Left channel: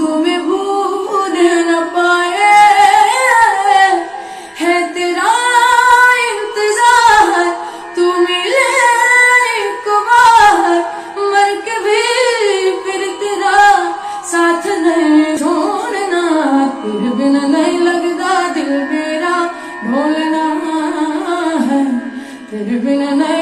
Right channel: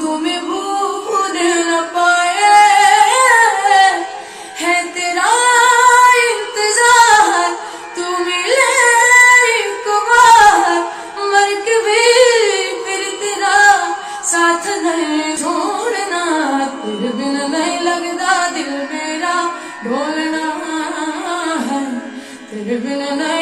तुम्हें भूल न पाए, है तेरा इंतजार, तू मिले एक बार, मर के भी फिर तेरा साथ नहीं छोड़ना। तेरे बिन नहीं लगता दिल मेरा ढोलना है, तेरे बिन नहीं